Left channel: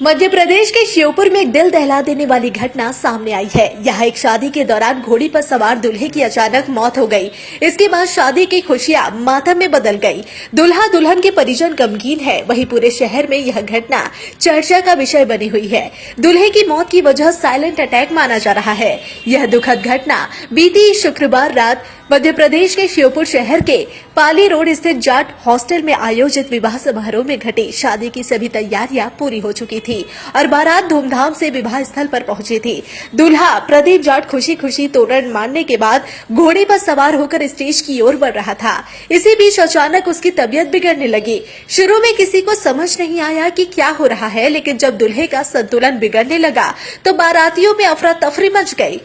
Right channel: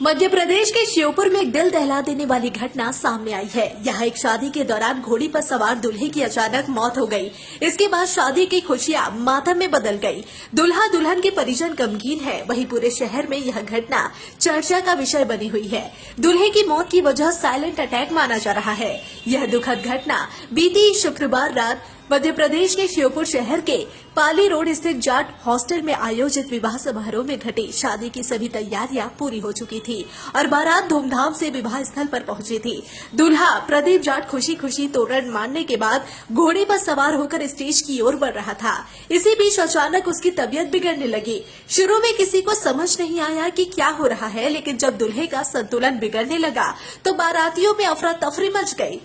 मध्य प्रदेश के श्योपुर में एक दिल दहला देने वाली घटना सामने आई है। यहाँ एक शादी के दौरान घोड़ी पर सवार दूल्हे की अचानक मौत हो गई। इसके बाद शादी की खुशियां मातम में बदल गई। दूल्हा दुल्हन के परिजन गमगीन है। वहीं पूरे शहर में यह घटना चर्चा का विषय बनी हुई है। दूल्हे की मौत की वजह साइलेंट अटैक माना जा रहा है। यह दुखद घटना बीती शुक्रवार रात मध्य प्रदेश के श्योपुर शहर के पाली रोड स्थित जाट हॉस्टल में आयोजित विवाह समारोह में घटी। शादी की सभी तैयारियां पूरी हो चुकी थी और बारात धूमधाम से विवाह स्थल पर पहुंची थी। दूल्हा प्रदीप जाट खुशी खुशी तोरण मारने के बाद घोड़े पर सवार होकर स्टेज की ओर बढ़ रहा था। इसी बीच अचानक उसकी तबीयत बिगड़ने लगी। शुरू में किसी को समझ नहीं आया कि क्या हो रहा है, लेकिन जब दूल्हे का संतुलन बिगड़ने लगा तो बारातियों में अफरा तफरी मच गई।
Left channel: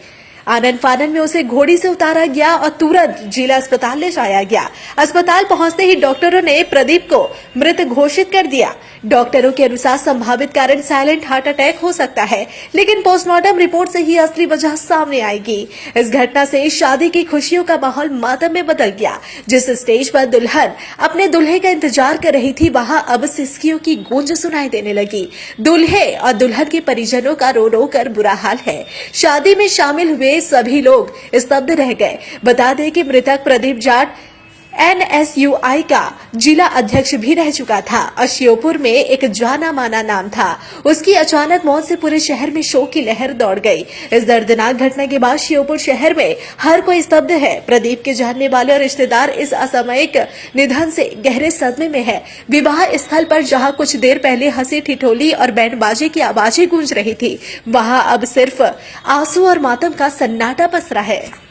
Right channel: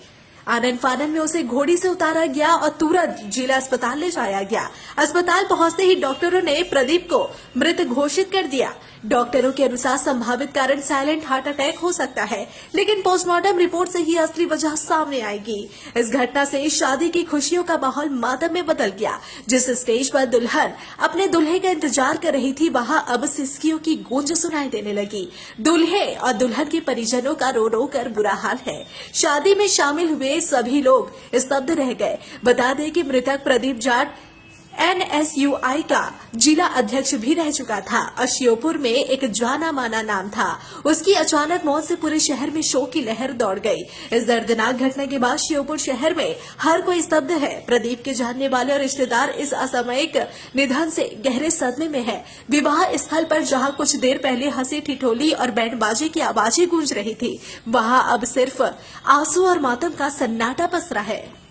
आनन फानन में उसे घोड़ी से उतारा गया और तुरंत जिला अस्पताल ले जाया गया। अस्पताल पहुंचते ही डॉक्टरों ने प्रदीप को मृत घोषित कर दिया। डॉक्टरों के अनुसार संभावित कारण साइलेंट हार्ट अटैक हो सकता है, लेकिन पोस्टमार्टम रिपोर्ट से ही असली वजह सामने आएगी। इस घटना से शादी की खुशियों का माहौल मातम में बदल गया। जिस स्टेज पर दुल्हन अपने दूल्हे का इंतजार कर रही थी, वहां अब सिसकियों की गूंज सुनाई देने लगी। दूल्हे और दुल्हन के परिजनों का रो रो कर बुरा हाल है। शादी में शामिल हुए सभी लोग स्तब्ध रह गए। बता दें कि मृतक प्रदीप जाट NSUI का जिला अध्यक्ष भी रह चुका था और श्योपुर में एक जाना माना नाम था। उसकी अचानक मौत से पूरे शहर में शोक की लहर दौड़ गई। इस दर्दनाक घटना के बाद श्योपुर शहर में हर कोई स्तब्ध है। प्रदीप के जानने वाले और रिश्तेदार इस असामयिक निधन से गहरे सदमे में है। विवाह स्थल पर जहां कुछ देर पहले हंसी ठिठोली और बैंड बाजे की आवाजें गूंज रही थी, वहां अब सिर्फ आंसू और मातम का सन्नाटा पसरा है।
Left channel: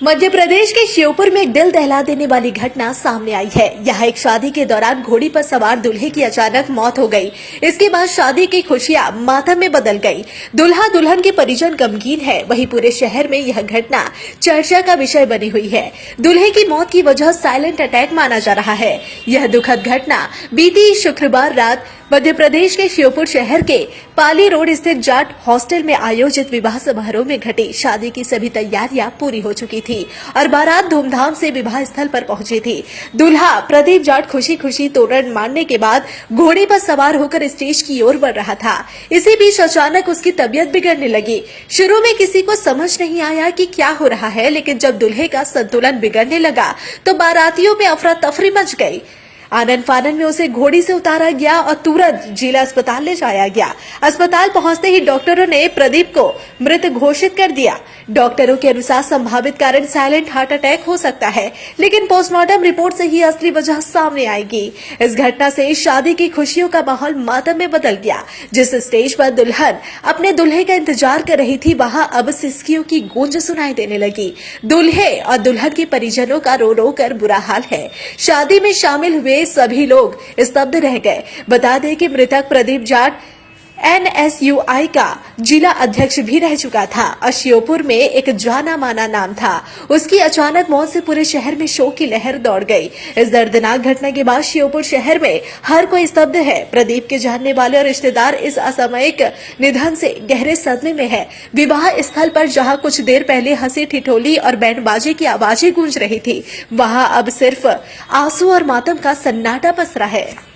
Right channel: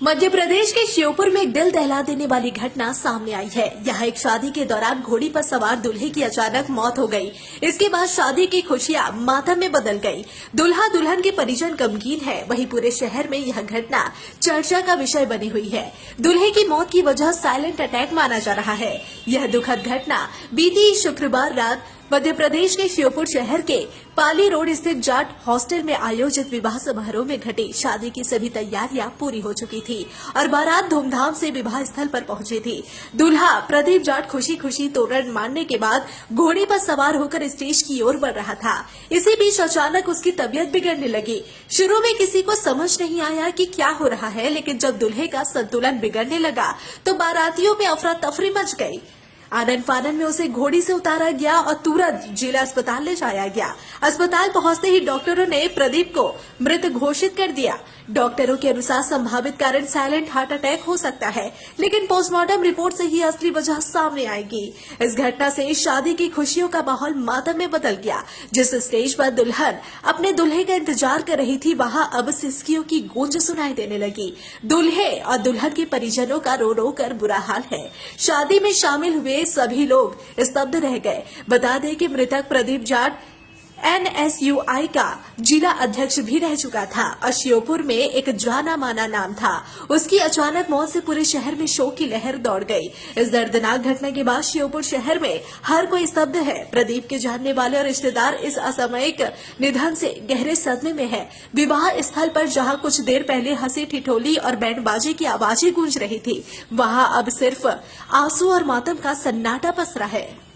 मध्य प्रदेश के श्योपुर में एक दिल दहला देने वाली घटना सामने आई है। यहाँ एक शादी के दौरान घोड़ी पर सवार दूल्हे की अचानक मौत हो गई। इसके बाद शादी की खुशियां मातम में बदल गई। दूल्हा दुल्हन के परिजन गमगीन है। वहीं पूरे शहर में यह घटना चर्चा का विषय बनी हुई है। दूल्हे की मौत की वजह साइलेंट अटैक माना जा रहा है। यह दुखद घटना बीती शुक्रवार रात मध्य प्रदेश के श्योपुर शहर के पाली रोड स्थित जाट हॉस्टल में आयोजित विवाह समारोह में घटी। शादी की सभी तैयारियां पूरी हो चुकी थी और बारात धूमधाम से विवाह स्थल पर पहुंची थी। दूल्हा प्रदीप जाट खुशी खुशी तोरण मारने के बाद घोड़े पर सवार होकर स्टेज की ओर बढ़ रहा था। इसी बीच अचानक उसकी तबीयत बिगड़ने लगी। शुरू में किसी को समझ नहीं आया कि क्या हो रहा है, लेकिन जब दूल्हे का संतुलन बिगड़ने लगा तो बारातियों में अफरा तफरी मच गई। आनन फानन में उसे घोड़ी से उतारा गया और तुरंत जिला अस्पताल ले जाया गया। अस्पताल पहुंचते ही डॉक्टरों ने प्रदीप को मृत घोषित कर दिया। डॉक्टरों के अनुसार संभावित कारण साइलेंट हार्ट अटैक हो सकता है, लेकिन पोस्टमार्टम रिपोर्ट से ही असली वजह सामने आएगी। इस घटना से शादी की खुशियों का माहौल मातम में बदल गया। जिस स्टेज पर दुल्हन अपने दूल्हे का इंतजार कर रही थी, वहां अब सिसकियों की गूंज सुनाई देने लगी। दूल्हे और दुल्हन के परिजनों का रो रो कर बुरा हाल है। शादी में शामिल हुए सभी लोग स्तब्ध रह गए। बता दें कि मृतक प्रदीप जाट NSUI का जिला अध्यक्ष भी रह चुका था और श्योपुर में एक जाना माना नाम था। उसकी अचानक मौत से पूरे शहर में शोक की लहर दौड़ गई। इस दर्दनाक घटना के बाद श्योपुर शहर में हर कोई स्तब्ध है। प्रदीप के जानने वाले और रिश्तेदार इस असामयिक निधन से गहरे सदमे में है। विवाह स्थल पर जहां कुछ देर पहले हंसी ठिठोली और बैंड बाजे की आवाजें गूंज रही थी, वहां अब सिर्फ आंसू और मातम का सन्नाटा पसरा है।